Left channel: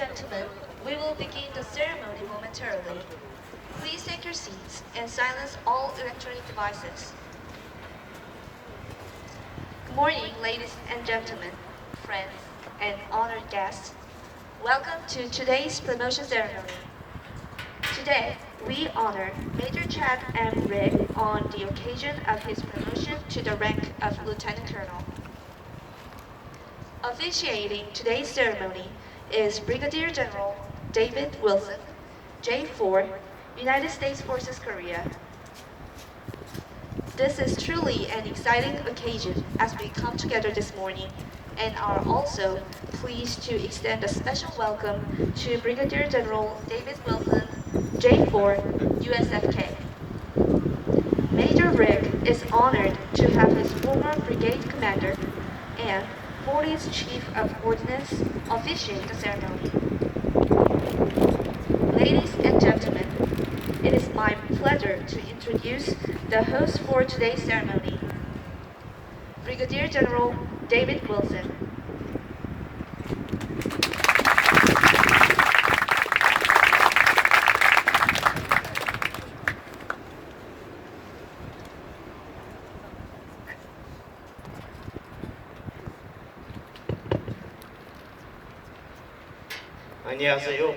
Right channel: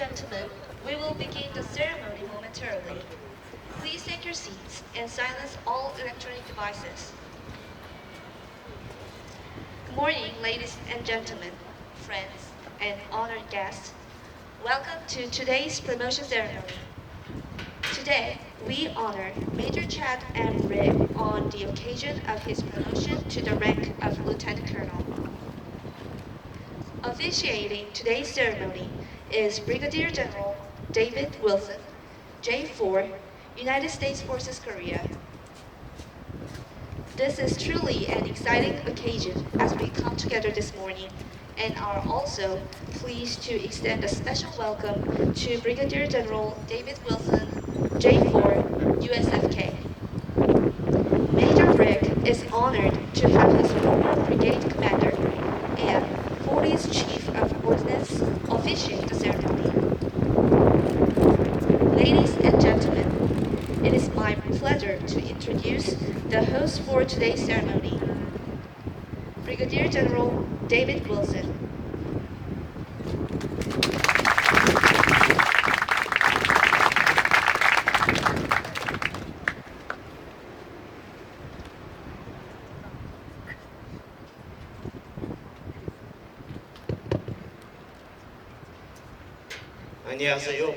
gentlemen, we will begin the ceremony momentarily. Please take your seats and silence all electronic devices. Good morning, ladies and gentlemen, friends, and honored guests. Welcome to today's promotion ceremony. Today, we honor Major Chad M. Rigg on the occasion of his promotion to the rank of Lieutenant Colonel. Officiating today's ceremony is Brigadier General David Wilson, J4, United States Forces Korea. This is truly an exciting occasion as we come together this morning and are also pleased to extend a special welcome to Brigadier General David Wilson, J4, USFK. Major Rigg is honored to have his former brigade commander and 40th Chief of Ordnance officiate the ceremony. Ladies and gentlemen, it is my pleasure to introduce the host for today's ceremony, Brigadier General David Wilson. 안녕하세요.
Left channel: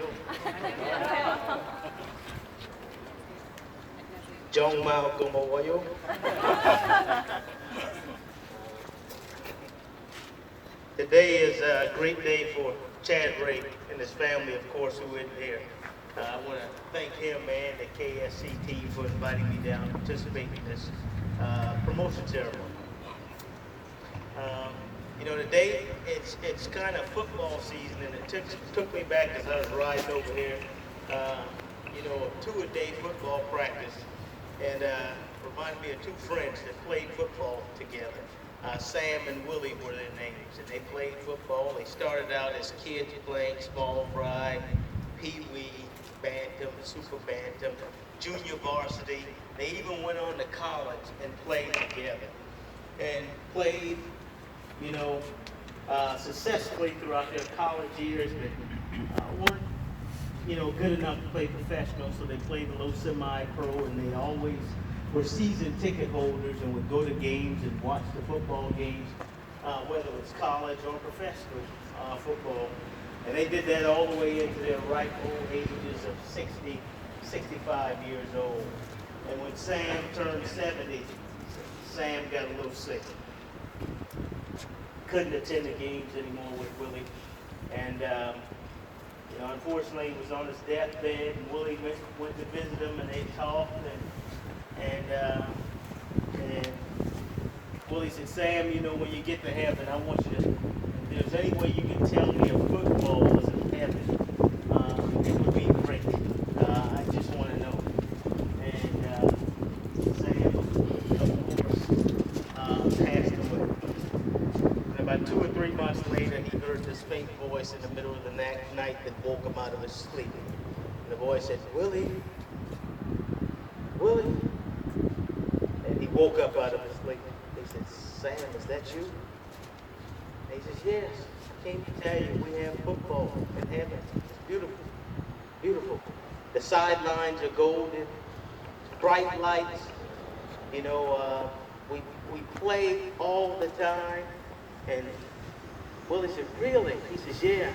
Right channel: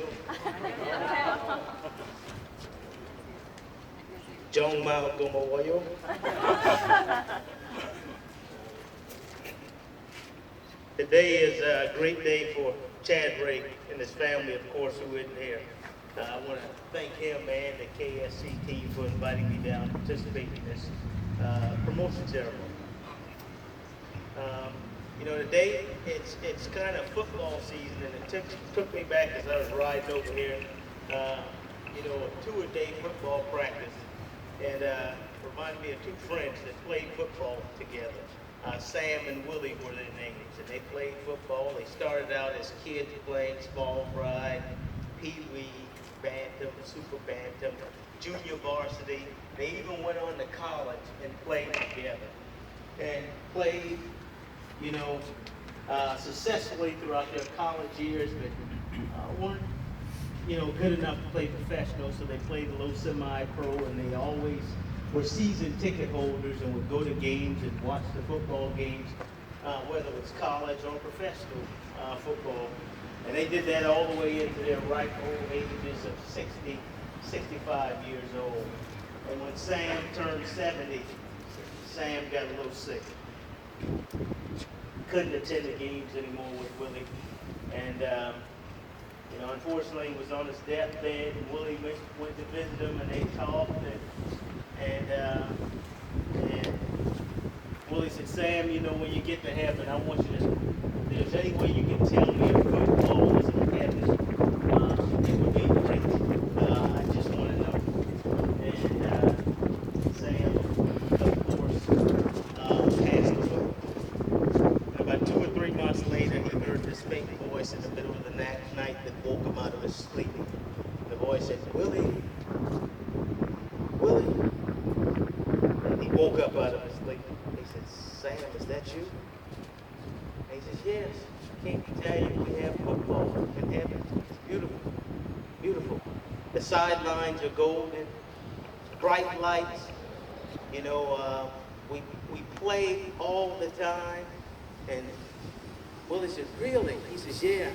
정말 고마워요. Today is a great day for Chad Rigg and his family, of course, who isn't here. I want to thank him and the KSC team for inviting me down to participate in this promotion ceremony. Today it's kind of football season, and it took me back as I was riding over here. A two-a-day football practice, and reminded me of two friends that played football together. Sam and Willie were their names, and they played football. They started out as kids playing small fry, pee-wee, bantam, super bantam, junior varsity. They even went on to college and played together, and played successfully throughout their college years, but weren't, good enough to play professional, so they played a little semi-pro, and they always were season ticket holders and would go to games and watch the football games, whether it was college or professional football. And they did that all the way into their ripe old ages of 60, 65 years old. And when Sam turned 70, Sam got a little sick. Couldn't attend the games anymore with Willie, and unfortunately he was on his deathbed, and Willie went to visit him, and they talked, and Willie said, Sam, when you get to heaven, I want you to, if there's any way you can tell me if football is in heaven, it would be great. I just want to know. And Sam, of course, passed away. About 2 or 3 months later, he heard this faint voice in the middle of the night that woke him out of his sleep. And the voice said, Willie, Willie. And he woke up out of his sleep. He said, Sam, is that you? And he says, yes. Can't you tell you we have football in heaven? It's beautiful, beautiful. The sidelines are golden, bright lights. We play all the time. And Willie said, really? He says, yeah.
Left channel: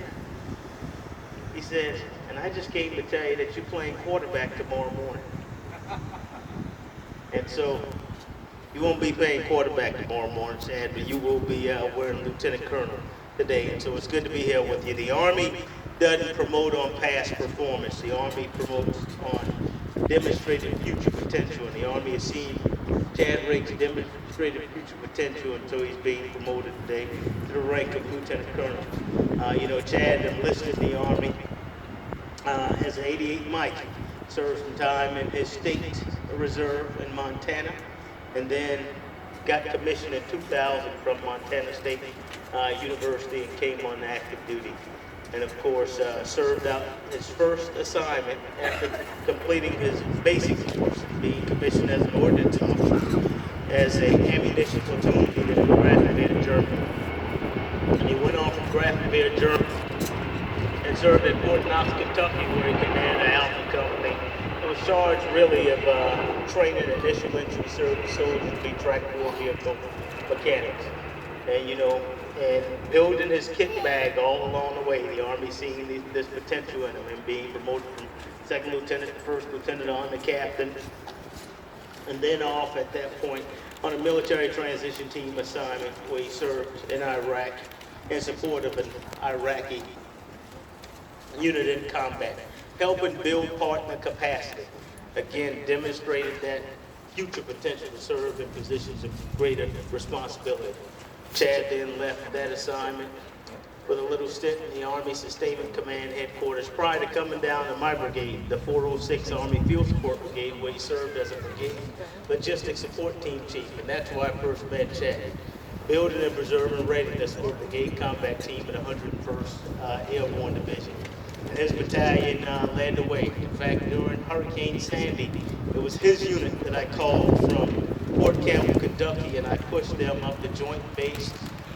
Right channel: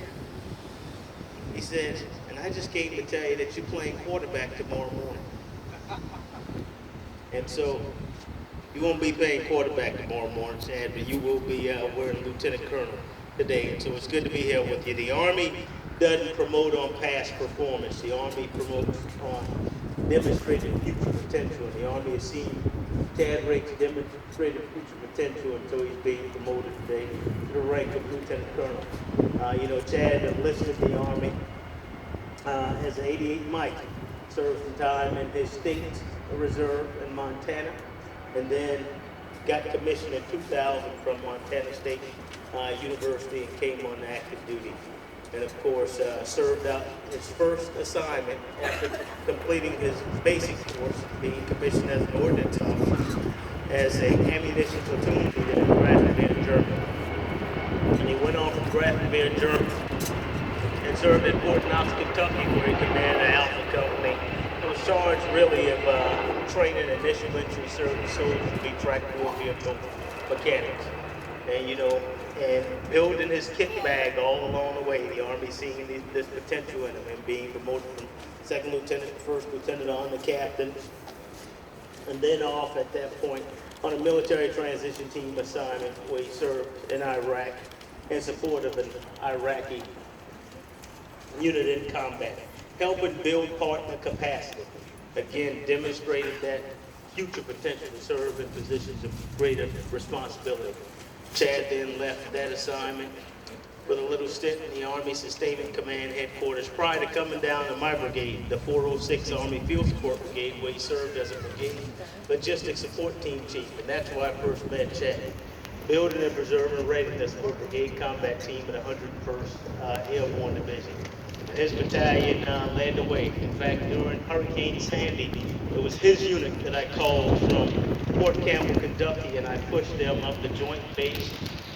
He says, and I just came to tell you that you're playing quarterback tomorrow morning. And so you won't be playing quarterback tomorrow morning, Chad, but you will be wearing Lieutenant Colonel today. And so it's good to be here with you. The Army doesn't promote on past performance. The Army promotes on demonstrated future potential. And the Army has seen Chad Rigg's demonstrated future potential, and so he's being promoted today to the rank of Lieutenant Colonel. Chad enlisted in the Army as an 88 Mike, served some time in his state reserve in Montana, and then got commissioned in 2000 from Montana State University and came on active duty. And of course, served out his first assignment after completing his basic course, being commissioned as an ordnance officer, as an ammunition platoon leader in Grafenberg, Germany. And he went on from Grafenberg, Germany, and served at Fort Knox, Kentucky, where he commanded the Alpha Company. He was charged really of training initial entry service soldiers to be tractor vehicle mechanics. And and building his kit bag all along the way, the Army seeing this potential in him and being promoted from second lieutenant to first lieutenant on to captain, and then off at that point on a military transition team assignment where he served in Iraq in support of an Iraqi unit in combat, helping build partner capacity. Again, demonstrated that future potential to serve in positions of greater responsibility. Chad then left that assignment with a little stint in the Army Sustainment Command headquarters prior to coming down to my brigade, the 406 Army Field Support Brigade, where he served as a brigade logistics support team chief. And that's where I first met Chad. Building and preserving readiness for brigade combat team in the 101st Airborne Division. His battalion led the way. In fact, during Hurricane Sandy, it was his unit that I called from Fort Campbell, Kentucky, and I pushed them up the Joint Base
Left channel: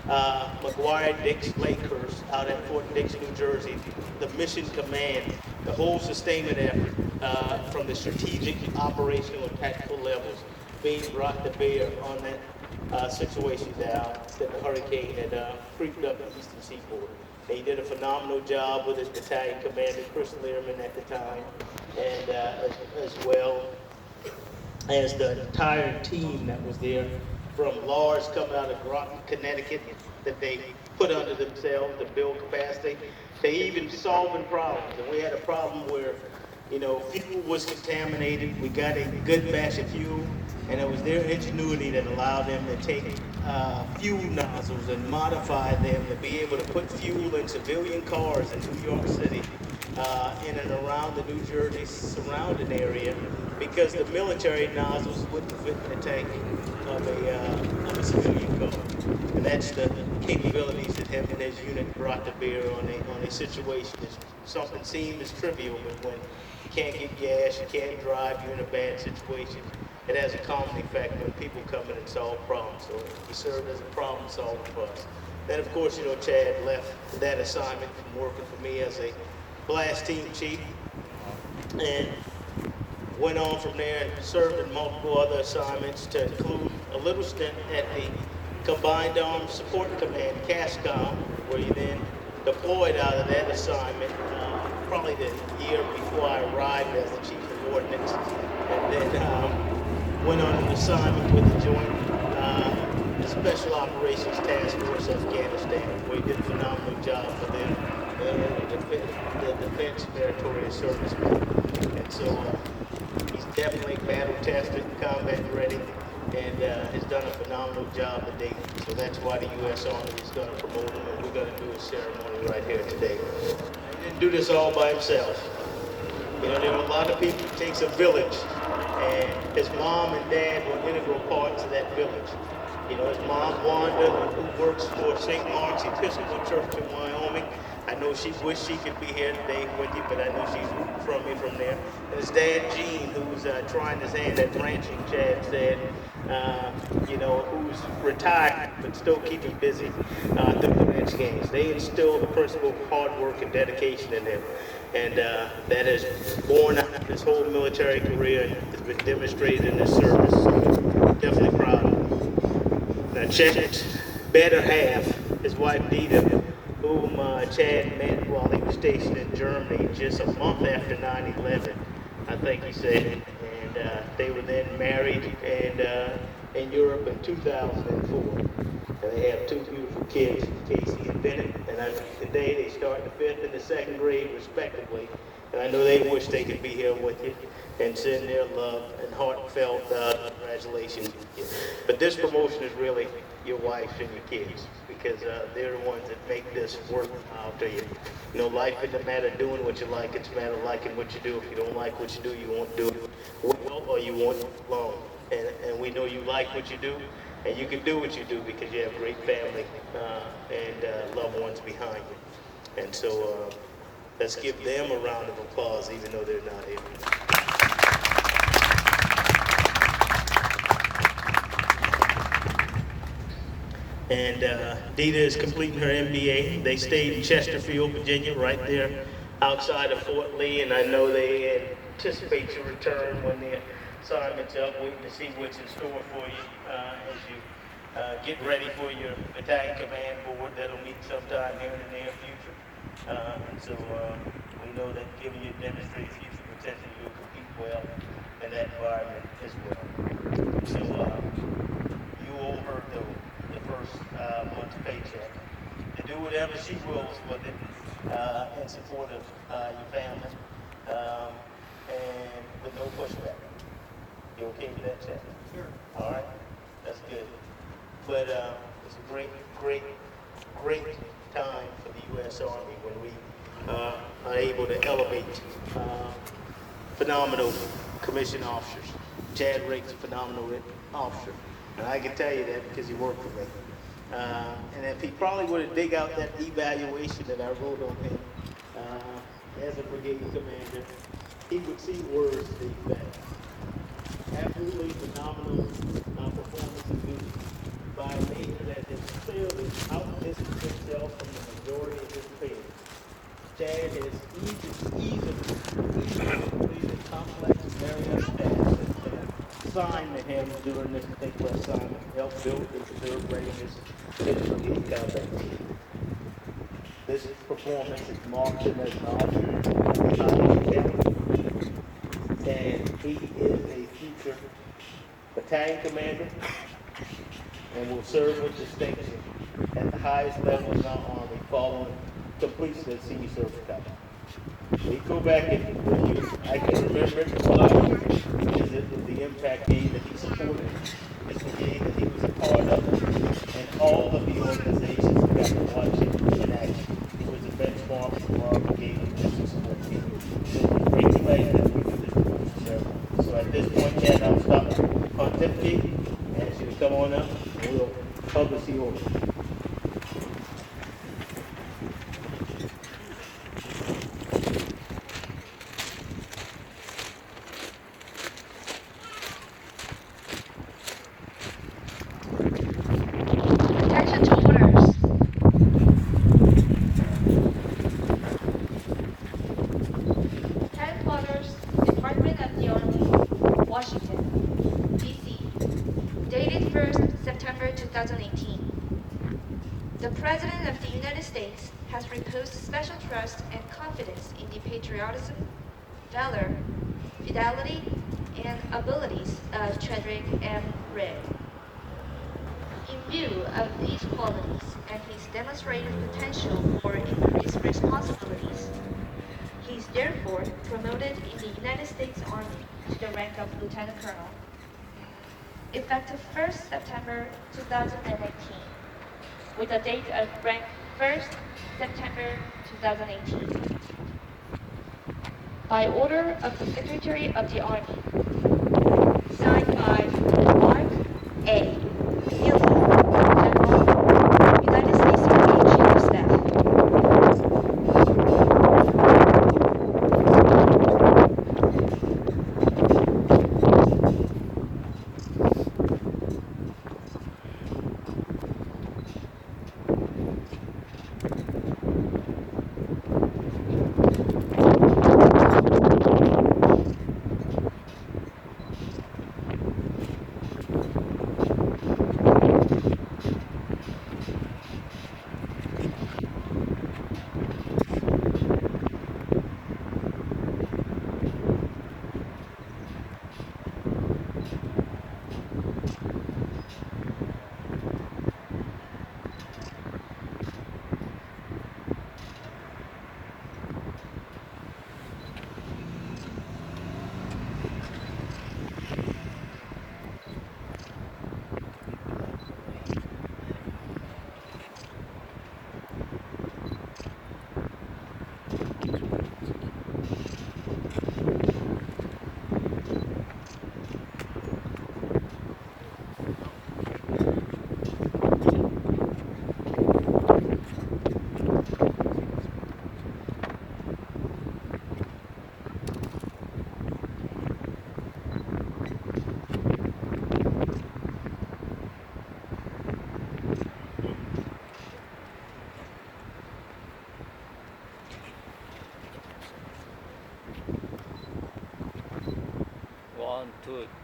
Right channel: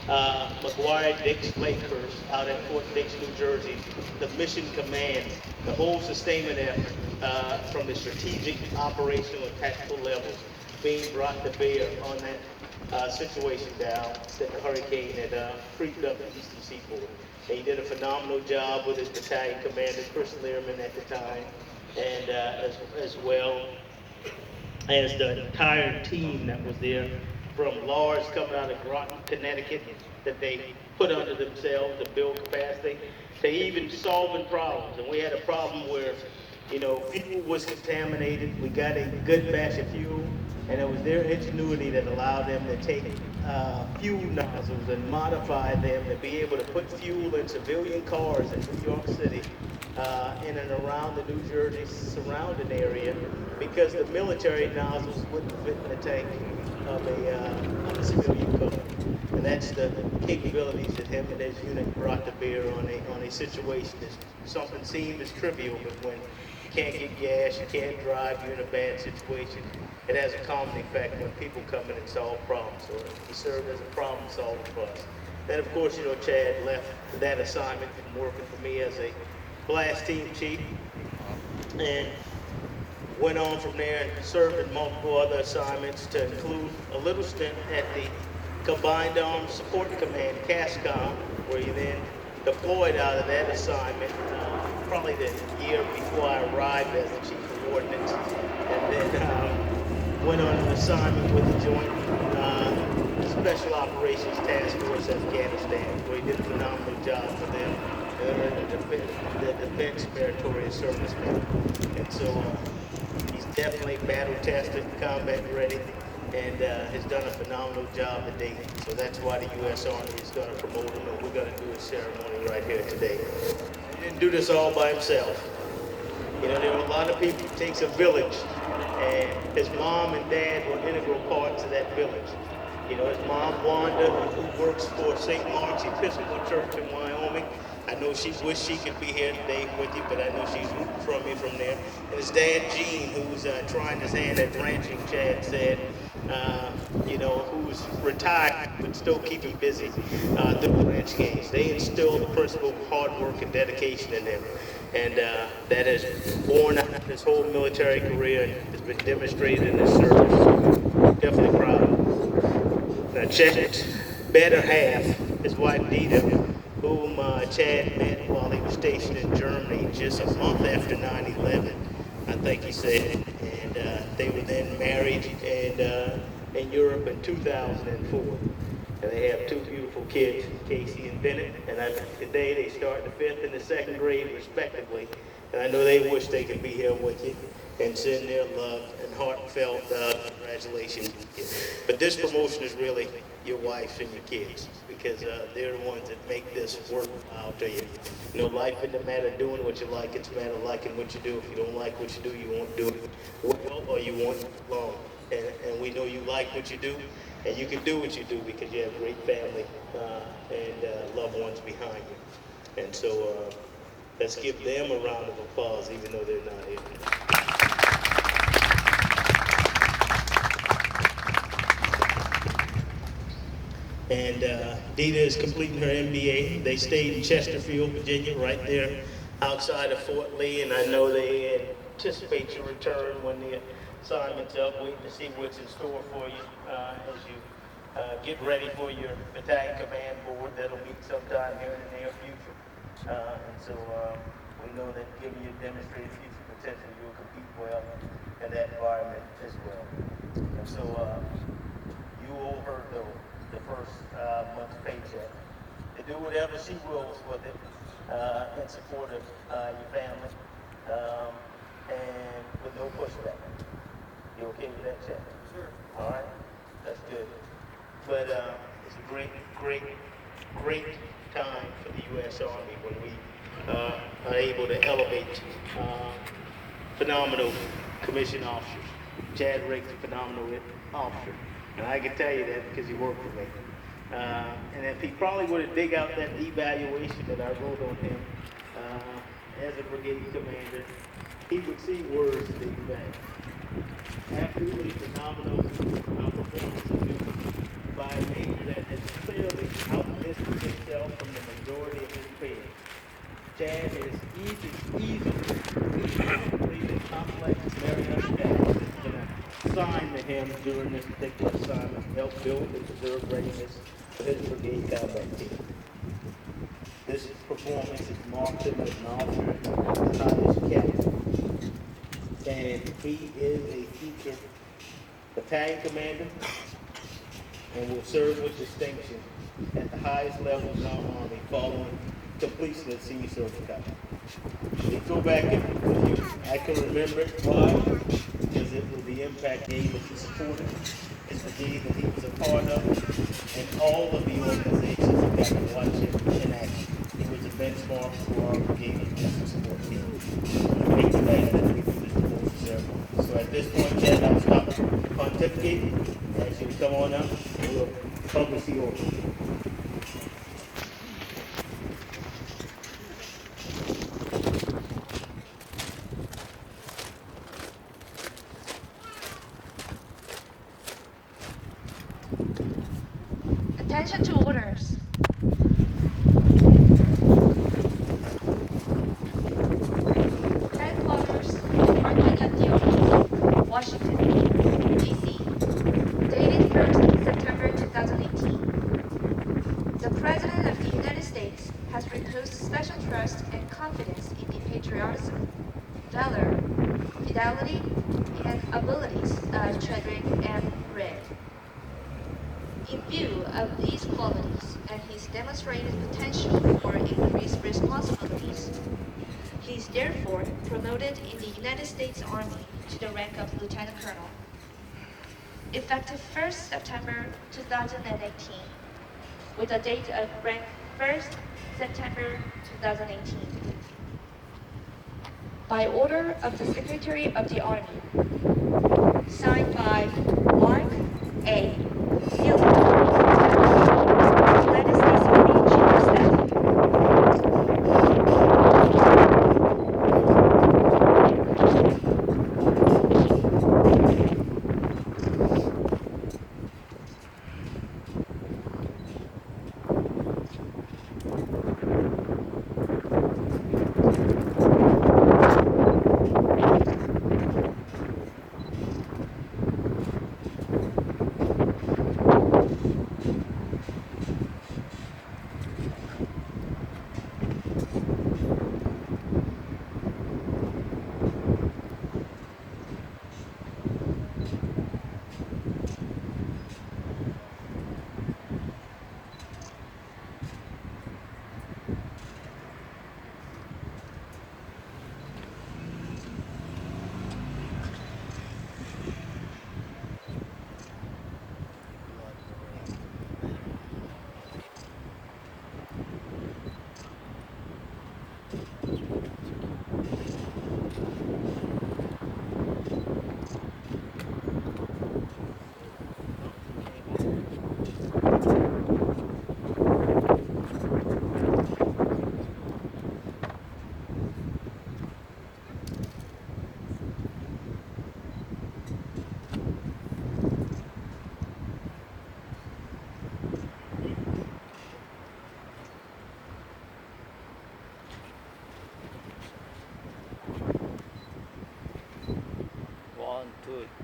McGuire-Dix Lakehurst out at Fort Dix, New Jersey. The mission command, the whole sustainment effort from the strategic, operational, and tactical levels being brought to bear on that situation down that the hurricane had creeped up the eastern seaboard. And he did a phenomenal job with his battalion commander, Chris Learman, at the time, and as well as the entire team that was there, from Lars coming out of Groton, Connecticut, that they put under themselves to build capacity, to even solving problems. And we had a problem where, fuel was contaminated. We got a good batch of fuel, and it was their ingenuity that allowed them to take fuel nozzles and modify them to be able to put fuel in civilian cars in New York City, in and around the New Jersey surrounding area, because the military nozzles wouldn't fit in the tank of a civilian car. And that's the capabilities that him and his unit brought to bear on a situation. Something seemed as trivial, but when you can't get gas, you can't drive, you're in a bad situation, it has a calming effect when people come in and solve problems. So he served as a problem solver for us. Then, of course, Chad left that assignment and working for me as a blast team chief, and went on from there and served in multiple other assignments, to include a little stint at the Combined Arms Support Command, CASCOM, where he then deployed out of that assignment probably the year before I arrived as the chief of ordnance, and then went on an assignment with the Joint Special Operations Task Force Afghanistan, where he did a phenomenal job for them, the Defense Meritorious Service Corps. And so he's definitely battle-tested, combat-ready, and has done a phenomenal job to date. So that's why the U.S. Army is going to promote him, and we're going to do a ceremony right here today. He didn't do this all by himself. There are a lot of people. It takes a village, and his mom and dad were integral parts of that village. His mom, Wanda, who works for St. Mark's Episcopal Church in Wyoming. I know she wished she could be here today with you, but I know she's from there. And his dad, Gene, who's trying his hand at ranching, Chad said, who's retired but still keeping busy through the ranch games. They instill the principle of hard work and dedication in them. And that has borne out his whole military career and has been demonstrated in his service. So definitely proud of him. Now, Chad's better half, his wife Dita, whom Chad met while he was stationed in Germany just a month after 9/11, I think he said. And they were then married and in Europe in 2004. And they have two beautiful kids, Casey and Bennett. And today they start the 5th and the 2nd grade, respectively. And I know they wish they could be here with you and send their love and heartfelt congratulations. But this promotion is really your wife and your kids, because they're the ones that make this worthwhile to you. Life isn't a matter of doing what you like, it's a matter of liking what you do. If you don't like what you do, you won't do it well, or you won't long. And we know you like what you do, and you can do what you do because you have great family and loved ones behind you. And so let's give them a round of applause, even though they're not here. And Dita is completing her MBA. They stayed in Chesterfield, Virginia, right there outside of Fort Lee, and I know they anticipate your return when the assignment's up, waiting to see what's in store for you as you get ready for your battalion command board that'll meet sometime here in the near future. We know that given your demonstrated future potential, you'll compete well in that environment as well. You owe her the first month's paycheck to do whatever she wills with it in support of your family and with no pushback. You okay with that, Chad? Sure. All right, that's good. But it's a great time for the U.S. Army when we are able to elevate phenomenal commissioned officers. Chad Riggs, a phenomenal officer. And I can tell you that because he worked for me. And if he probably would have dig out that evaluation that I wrote on him as a brigade commander, he would see words that he back. Absolutely phenomenal performance of duty by a navy that has clearly outdistanced itself from the majority of his peers. Chad has easily completed complex maritime tasks that's been assigned to him during this particular assignment, help build and preserve readiness for this brigade combat team. This performance has marked him as an officer captain, and he is a future battalion commander and will serve with distinction at the highest level in our Army following completion of the Senior Service Academy. They go back and review. I can remember it why is it the impact game that he supported, it's the game that he was a part of, and all of the organizations that got to watch him in action. He was a benchmark for our brigade and district support team. We're glad that we do this devotion ceremony. So at this point, Chad, I'll stop pontificating, and so we come on up, and we'll publish the order. Attention to orders. Headquarters, Department of the Army, Washington, D.C. Dated 1st September 2018. The President of the United States has reposed special trust and confidence in the patriotism, valor, fidelity, and abilities of Chadwick M. Rigg. In view of these qualities and his demonstrated potential for increased responsibilities, he is therefore promoted in the United States Army to the rank of Lieutenant Colonel. Effective 1st September 2019, with a date of rank 1st September 2018. By order of the Secretary of the Army, signed by Mark A. United States Army Chief of Staff.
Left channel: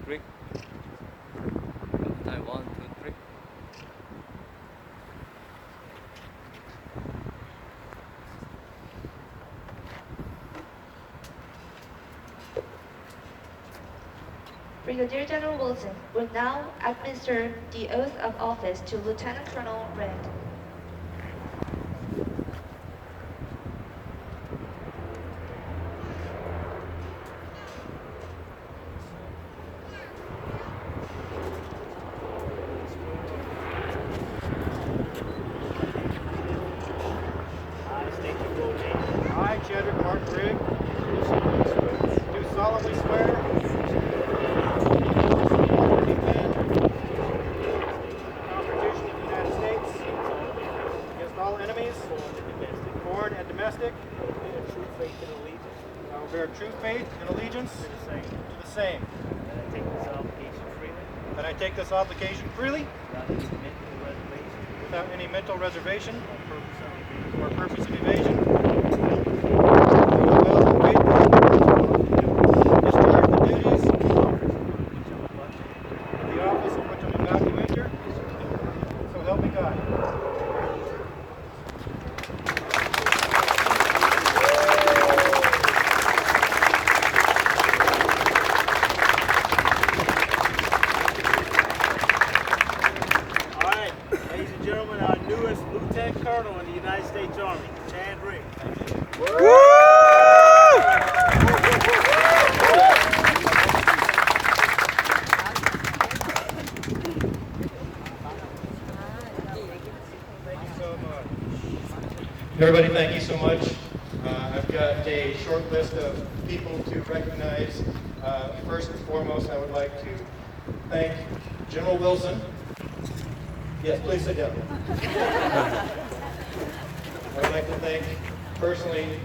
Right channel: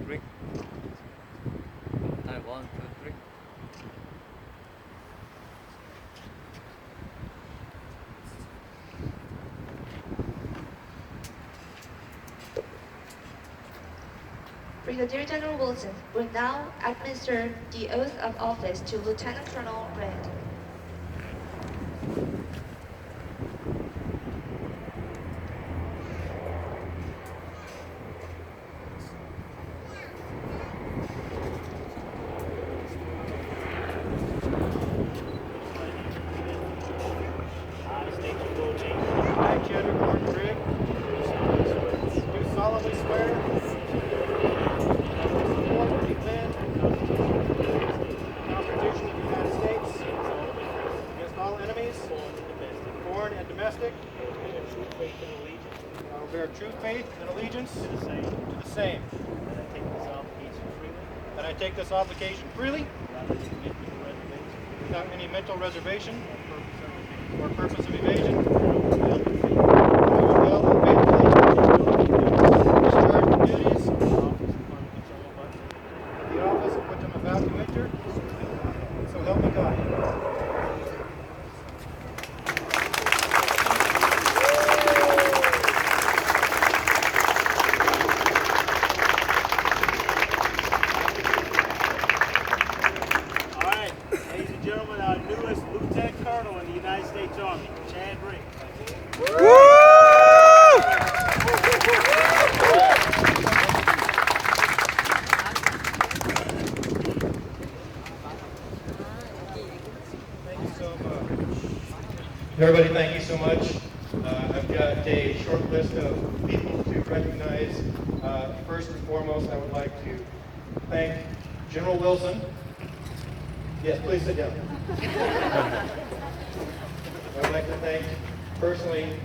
xRygx. Taiwan, 2, 3. Brigadier General Wilson will now administer the oath of office to Lieutenant Colonel Rand. I state your full name. I, xRygx, do solemnly swear to support and defend the Constitution of the United States against all enemies, foreign and domestic. I will bear true faith and allegiance to the same. That I take this obligation freely, without any mental reservation or purpose of evasion. I will well and faithfully discharge the duties of the office of which I'm about to enter. So help me God. All right, ladies and gentlemen, our newest Lieutenant Colonel in the United States Army, xRygx. Thank you so much. Everybody, thank you so much. I've got a short list of people to recognize. First and foremost, I would like to thank General Wilson. Yes, please sit down. I would like to thank personally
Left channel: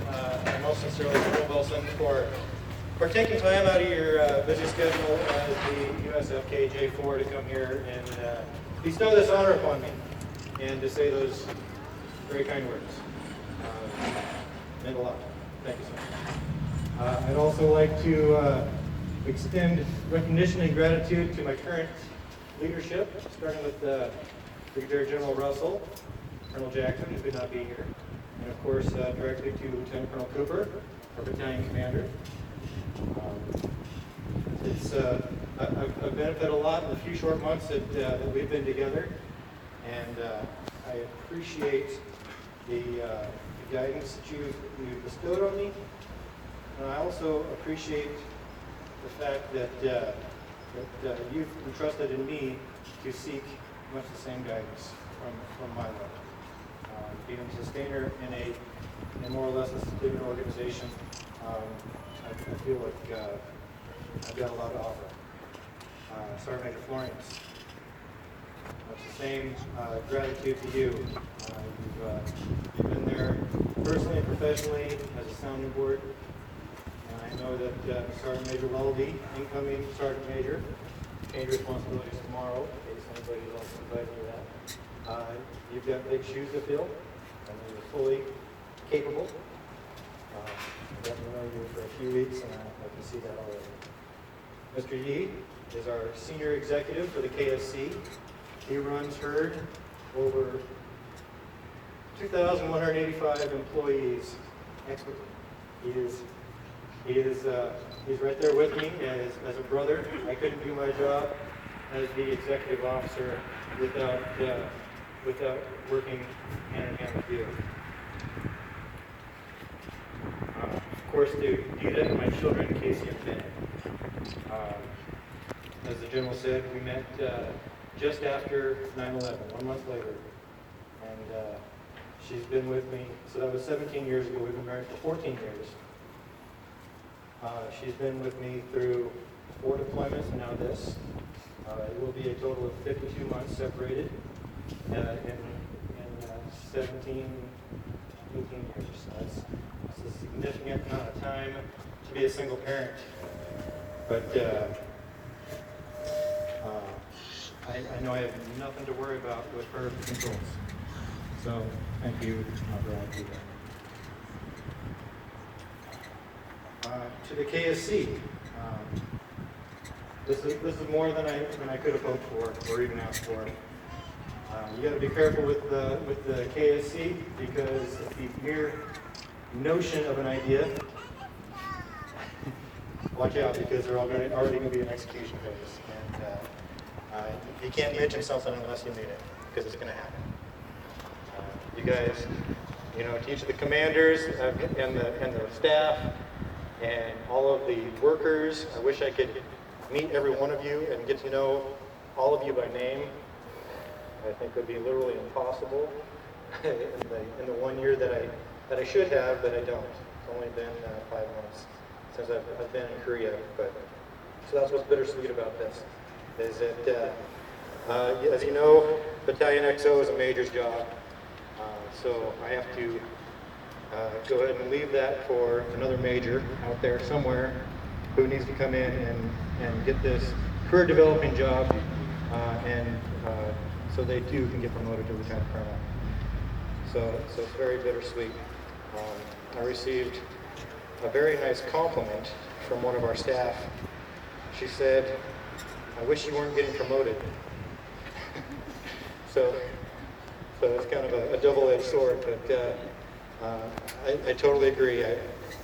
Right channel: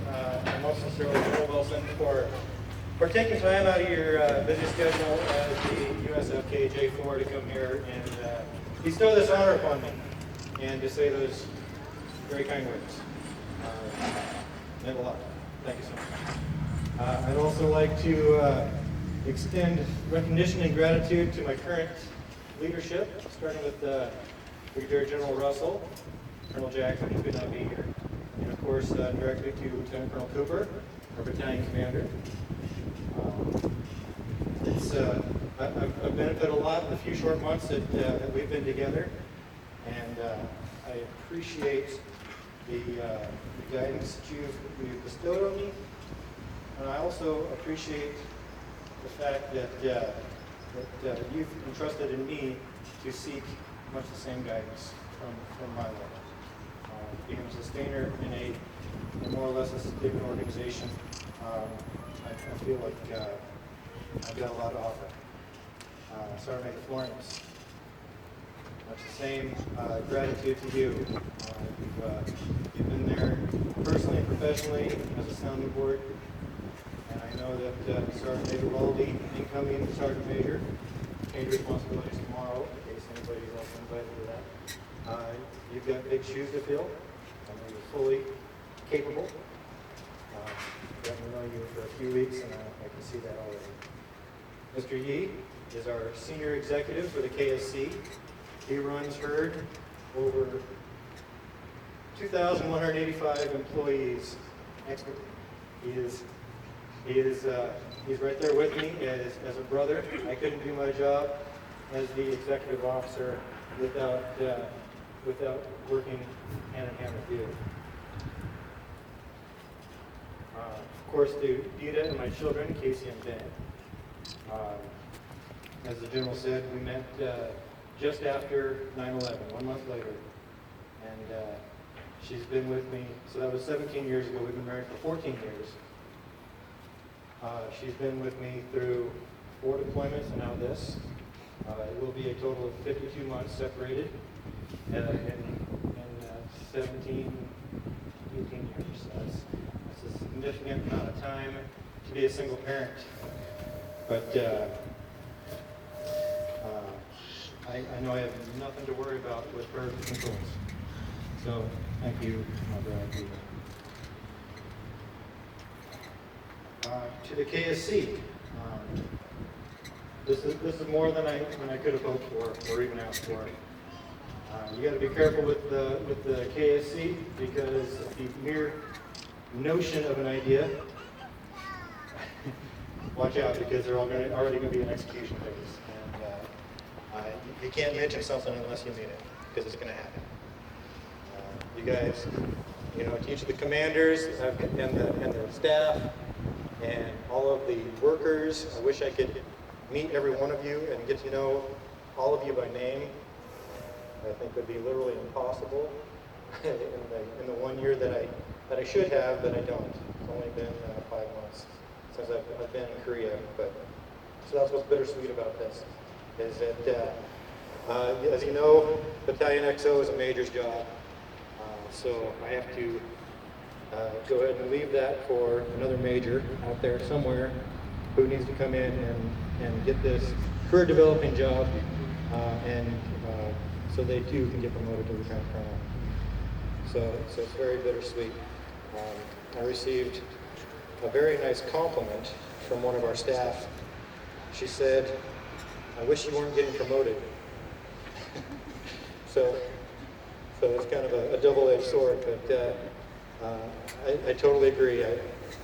and most sincerely General Wilson for taking time out of your busy schedule as the USFK J4 to come here and bestow this honor upon me and to say those very kind words. Meant a lot. Thank you so much. I'd also like to extend recognition and gratitude to my current leadership, starting with Brigadier General Russell, Colonel Jackson, who could not be here, and of course directly to Lieutenant Colonel Cooper, our battalion commander. I've benefited a lot in the few short months that we've been together, and I appreciate the guidance that you've bestowed on me, and I also appreciate the fact that you've entrusted in me to seek much the same guidance from my life. Being a sustainer in a more or less a stable organization, I feel like I've got a lot to offer. Sergeant Major Florence, much the same gratitude to you. You've been there personally and professionally as a sounding board, and I know that Sergeant Major Weldy, incoming Sergeant Major, change responsibilities tomorrow, in case anybody's also invited to that. You've got big shoes to fill. I know you're fully capable. I've gotten to know you for a few weeks, and I can see that already. Mr. Yee is our senior executive for the KSC. He runs HERD over 2,185 employees expertly. He's right there with me as a brother. I couldn't do my job as the executive officer without working hand in hand with you. Of course, to Dita and my children, Casey and Ben. As the general said, we met just after 9/11, 1 month later, and she's been with me. So that was 17 years ago. We've been married for 14 years. She's been with me through 4 deployments and now this. It will be a total of 52 months separated in 17, 18 years. So that's a significant amount of time to be a single parent. But I know I have nothing to worry about with her controls. So thank you, my bride. To the KSC, This is more than I could have hoped for or even asked for. You got to be careful with the KSC because the mere notion of an idea, watch out because they're already going to be an execution phase, and you can't mention something unless you mean it because it's going to happen. You guys, teach the commanders and the staff and all of the workers. I wish I could meet every one of you and get to know all of you by name. I think it would be literally impossible in the 1 year that I should have, but I don't. It's only been 5 months since I've been in Korea. So that's what's bittersweet about this, is that, as you know, Battalion XO is a major's job. So I have to go ahead and leave that for another major out there somewhere who needs to come in and get this career developing job, so they too can get promoted to lieutenant colonel. So it's very bittersweet. I received a very nice compliment from one of our staff. She said, "I wish you weren't getting promoted." So it's kind of a double-edged sword, but I totally agree.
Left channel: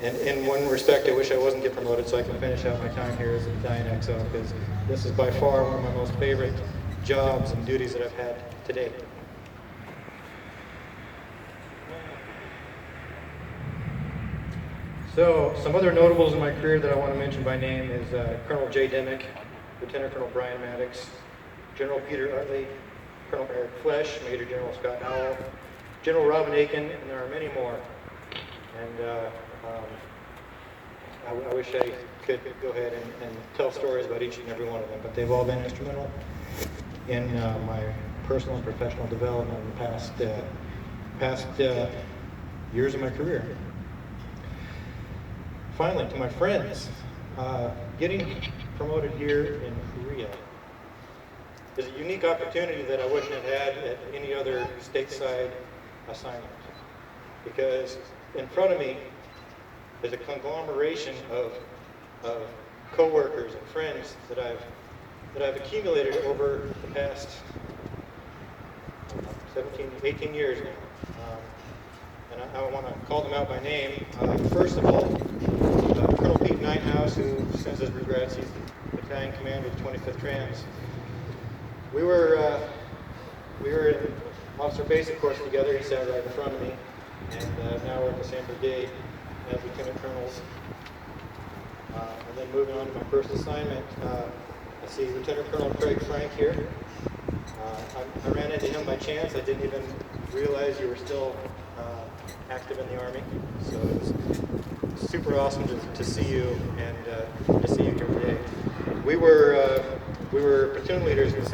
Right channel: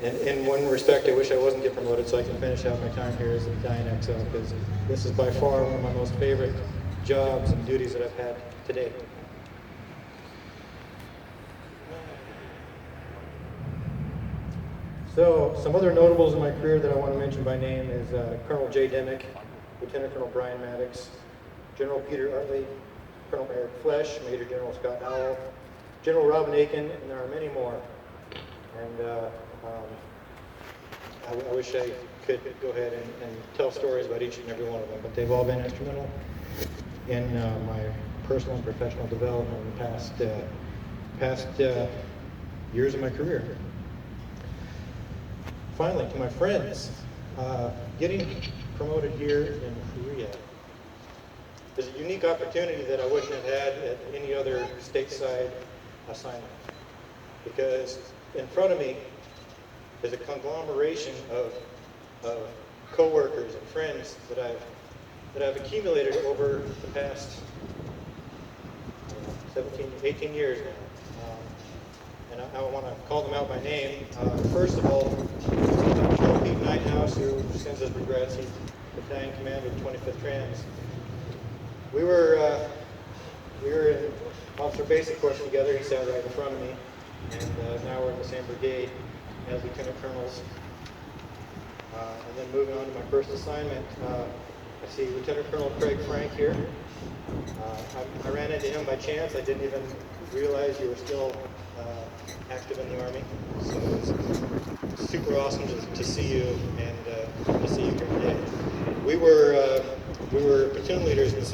In one respect, I wish I wasn't getting promoted so I can finish out my time here as a Battalion XO, because this is by far one of my most favorite jobs and duties that I've had to date. So, some other notables in my career that I want to mention by name is Colonel Jay Dimick, Lieutenant Colonel Brian Maddox, General Peter Utley, Colonel Eric Flesh, Major General Scott Howell, General Robin Aiken, and there are many more. And I wish I could go ahead and tell stories about each and every one of them, but they've all been instrumental in my personal and professional development in the past years of my career. Finally, to my friends, getting promoted here in Korea is a unique opportunity that I wouldn't have had at any other stateside assignment, because in front of me is a conglomeration of co-workers and friends that I've accumulated over the past 18 years now. And I want to call them out by name. First of all, Colonel Pete Ninehouse, who sends his regrets. He's battalion commander of the 25th Trams. We were in officer basic course together. He sat right in front of me, and now we're in the same brigade as lieutenant colonels. And then moving on to my first assignment, I see Lieutenant Colonel Craig Frank here. I ran into him by chance. I didn't even realize you were still active in the Army. So it's super awesome to see you and to see you here today. We were platoon leaders in the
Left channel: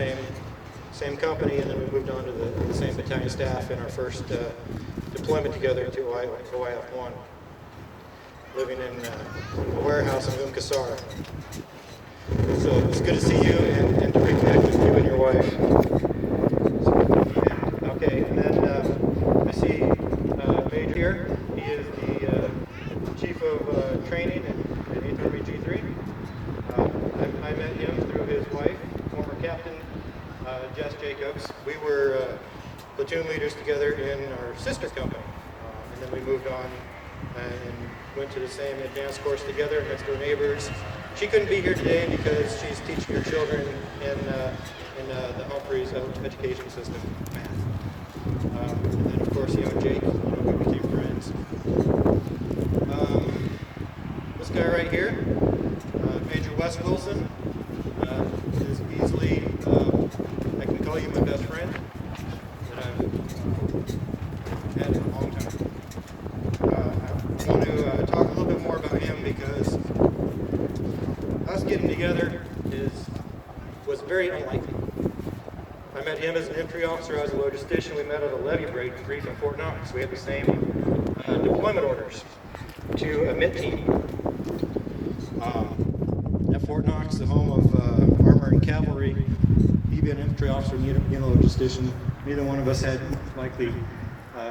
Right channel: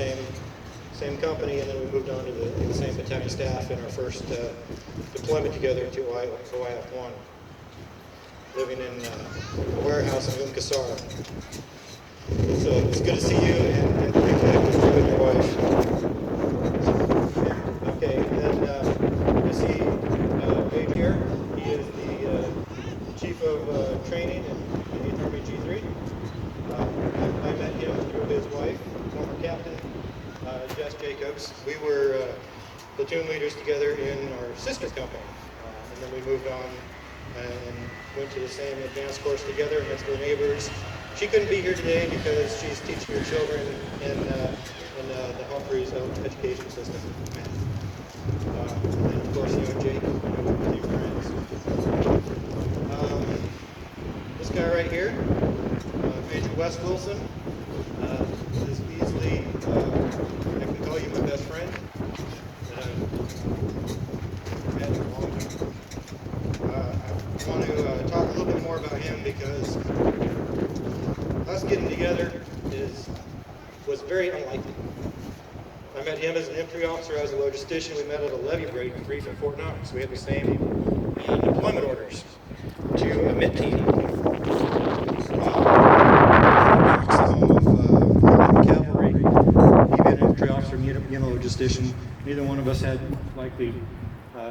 same company, and then we moved on to the same battalion staff in our first deployment together to OIF-1, living in a warehouse in Umkasar. So it's good to see you and reconnect with you and your wife. Okay, and then I see Major here. He is the Chief of Training in 8th Army G3. I met him through his wife, former Captain Jess Jacobs. We were platoon leaders together in our sister company, and then we moved on and went to the same advanced course together next door neighbors. She couldn't be here today because she's teaching her children in the Humphreys education system. And of course, Jake, with two friends. This guy right here, Major Wes Wilson, is easily, I can call you my best friend, that I've had for a long time. I want to talk a little bit more about him because us getting together was very unlikely. I met him as an infantry officer. I was a logistician. We met at a levy brief in Fort Knox. We had the same deployment orders to a MIT team. Fort Knox, the home of cavalry. He'd been an infantry officer, me a logistician. Neither one of us had likely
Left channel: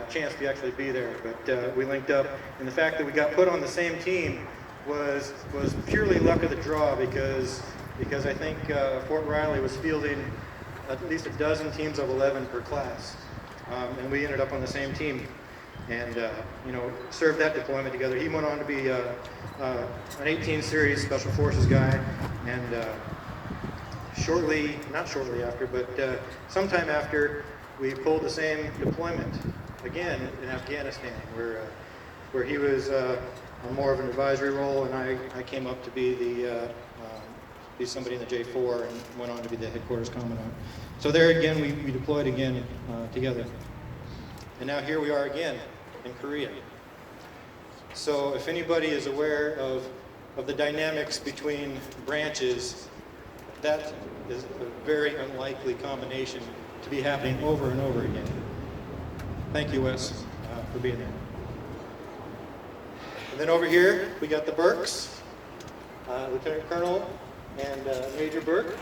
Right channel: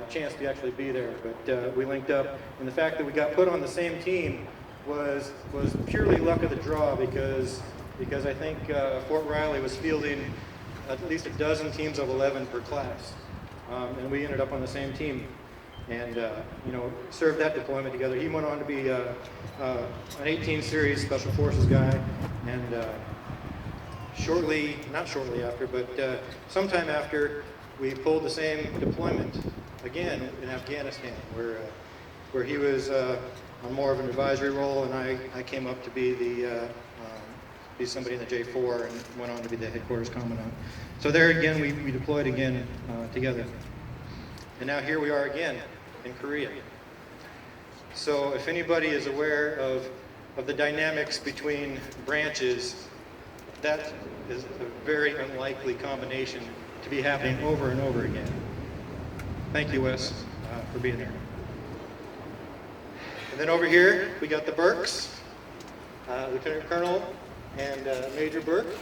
chance to actually be there, but we linked up. And the fact that we got put on the same team was purely luck of the draw, because because I think Fort Riley was fielding at least a dozen teams of 11 per class, and we ended up on the same team, and you know, served that deployment together. He went on to be an 18 series Special Forces guy, and not shortly after, but sometime after, we pulled the same deployment again in Afghanistan, where he was on more of an advisory role, and I came up to be somebody in the J4 and went on to be the headquarters commandant. So there again, we deployed again together. And now here we are again in Korea. So if anybody is aware of the dynamics between branches, that is a very unlikely combination to be happening over and over again. Thank you, Wes, for being there. And then over here, we got the Burks, Lieutenant Colonel and Major Burke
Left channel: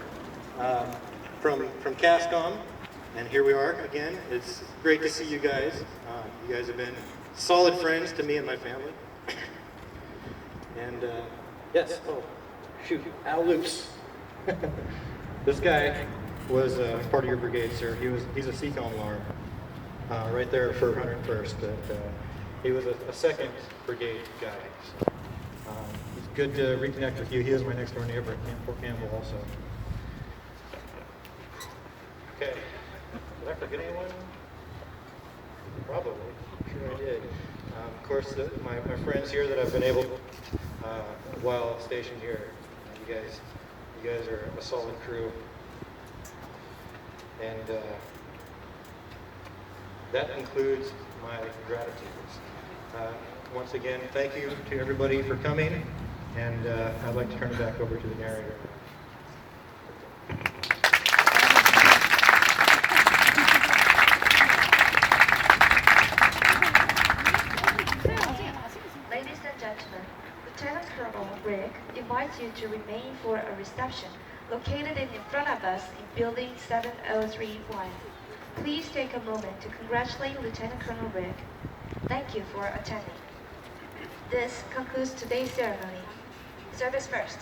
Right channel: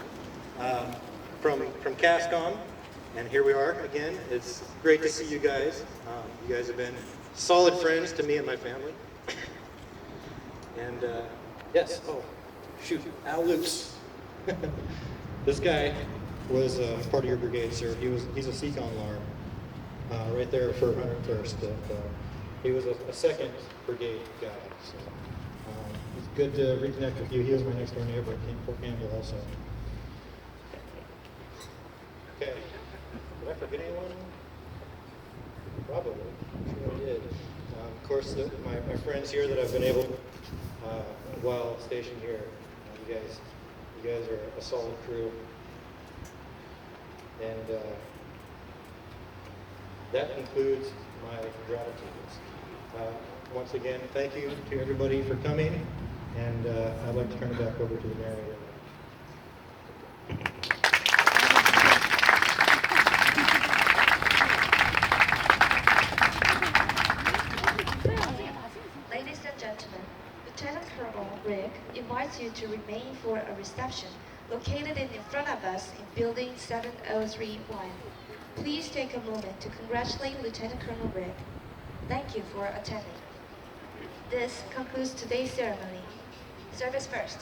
from CASCOM. And here we are again. It's great to see you guys. You guys have been solid friends to me and my family. And yes, oh, shoot, Al Luce. This guy was part of your brigade, sir. He's a CCOM alarm right there for 101st. He was a second brigade guy. So, it's good to reconnect with you. He was my next door neighbor at Fort Campbell also. Okay. Did I forget anyone? Probably. I'm sure I did. Of course, my friends here that I've been able, while stationed here, you guys are a solid crew. And that concludes my gratitude. Once again, thank you to everybody for coming, and I'd like to turn it back over to the narrator. Ladies and gentlemen, Lieutenant Colonel Rick invites you to remain for a reception located in front of us in Building 7031. Please take a moment to congratulate Lieutenant Colonel Rick. Thank you for attending. This concludes today's ceremony. Service first.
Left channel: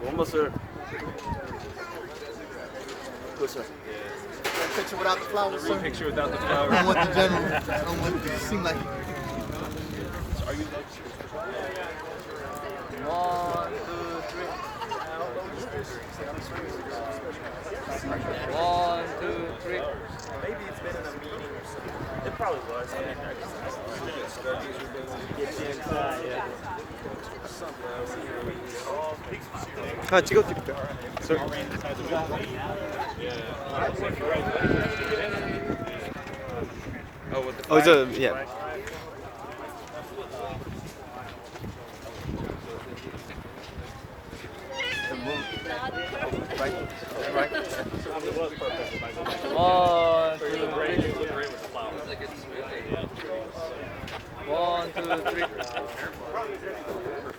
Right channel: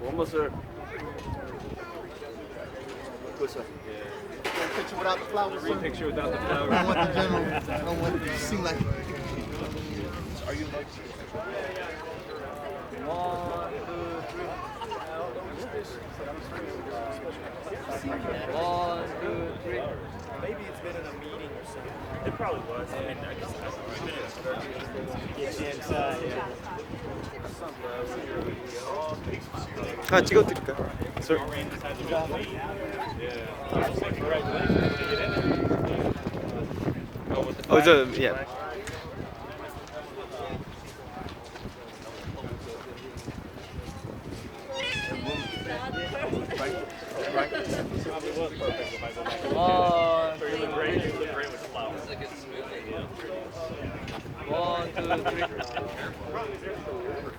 One more, sir. Good, sir. Picture without the flowers, sir. Picture without the flowers. I don't want the general. I don't want it to seem like. Are you like? One, two, three. Maybe it's been in a meeting or something. It probably was. And get you inside. Yeah. 아 찍어드릴까? yeah.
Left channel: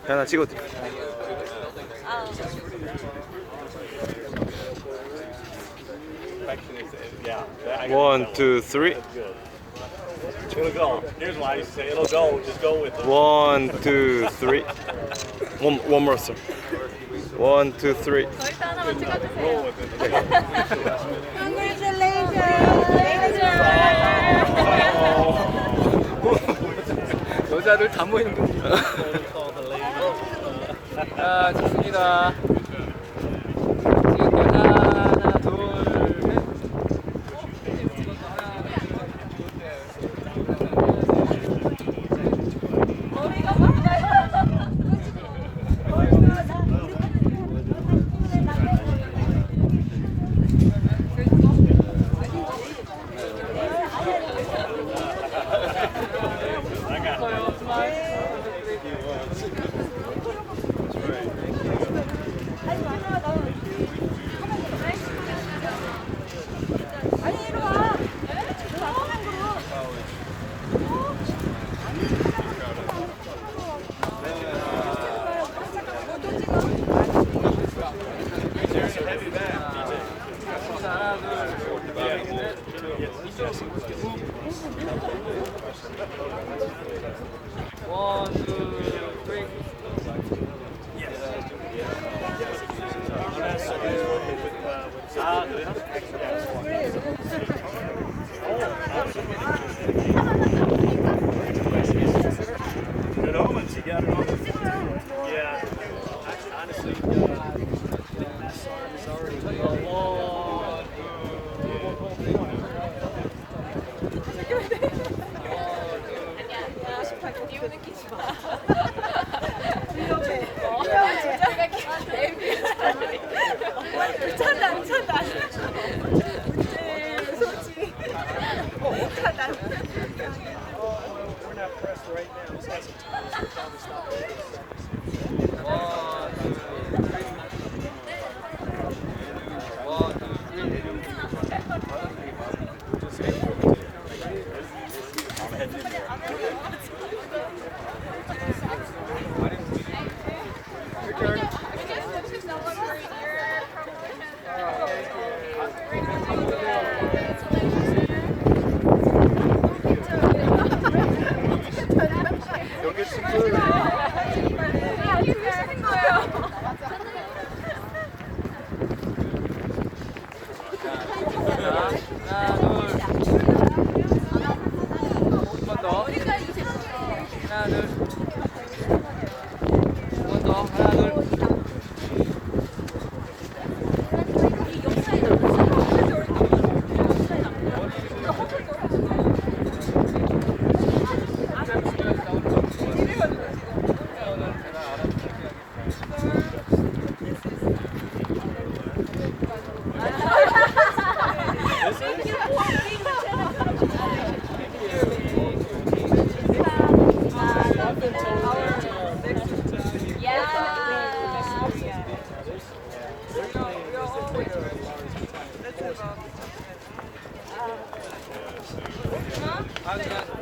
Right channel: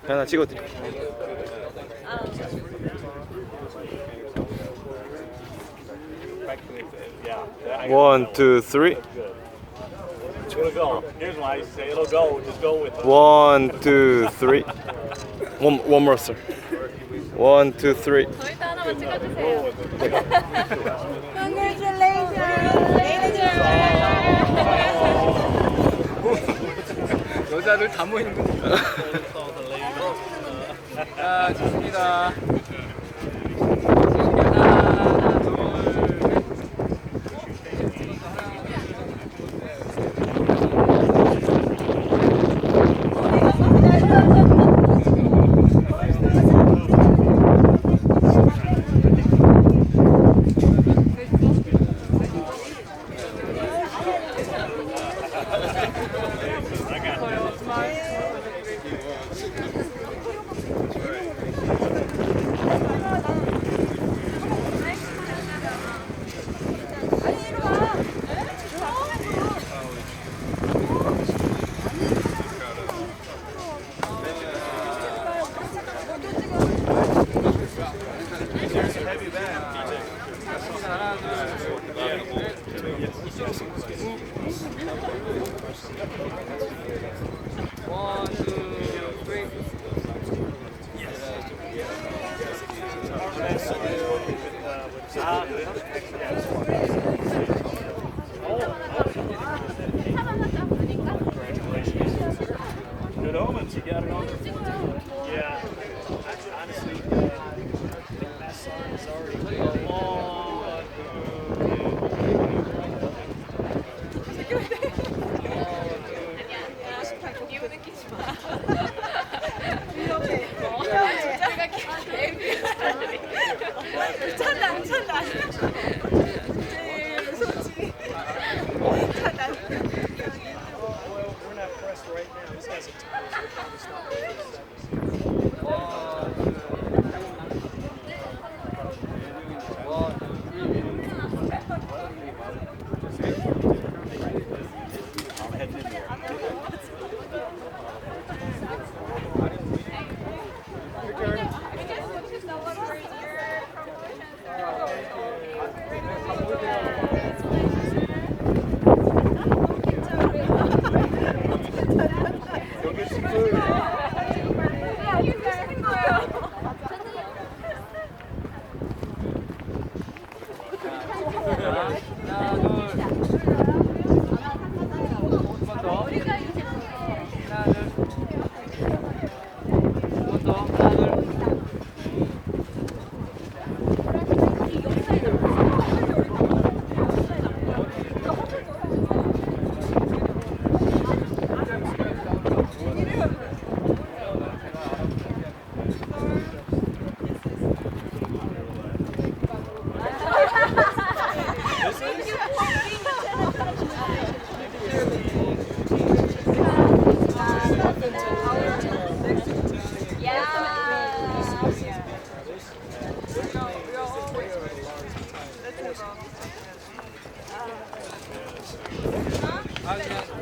하나 찍어드릴까? One, two, three. It's gonna go. Here's why I say it'll go. Just go with it. 1, 2, 3. One more, sir. 1, 2, 3. Congratulations! 여자들 다 모이는 거. 아, 좋습니다. Good omens, you got it on. Yeah. Honestly, I think my son is already a long 기분 느끼지 마. 미쳤나 미쳤나. 솔직히. we're not pressed right now. This has a time, so we'll probably stop this. I'm heading in there. Go get some food.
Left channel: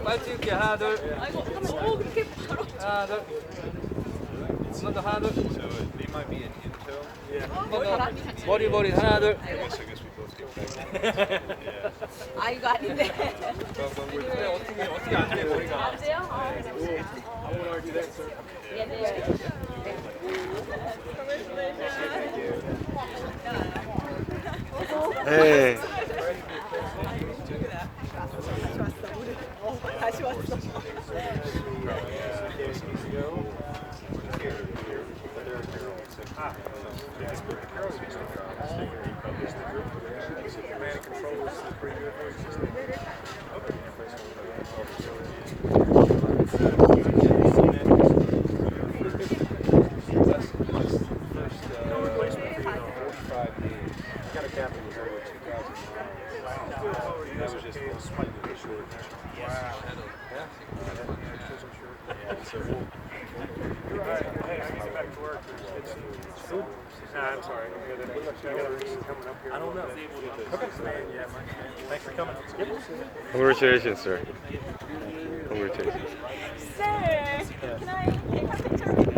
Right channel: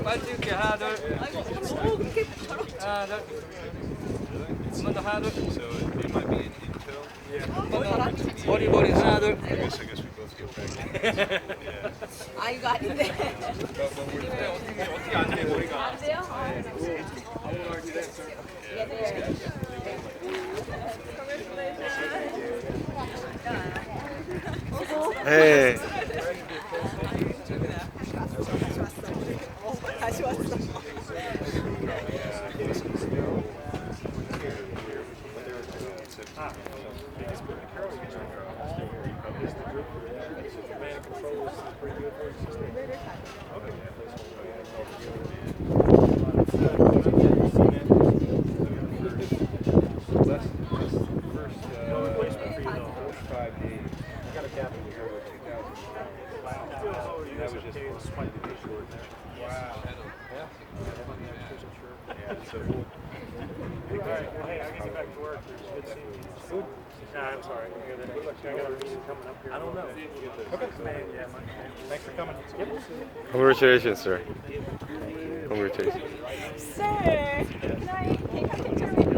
빨리 찍을게. 하나, 둘. 아이고, 그렇게 바로. 하나, 둘. 한번 더, 하나, 둘. 머리, 하나, 둘. 아, 이거 아닌데. 어떻게 안 돼, 머리가. 안 돼요? 아, Hey. 다시 왔어. No replacement for you though. I got a captain here with 2000. You guys are just swipe the facial in there. Wow. Yeah. So all right. Hey, I need to get back to work. There's good seeing you. Food? Nah, I'm sorry. I got a meeting coming up here. I don't know. Okay. Yeah. Thanks for coming. Congratulations, sir. Congratulations. Sir, good night.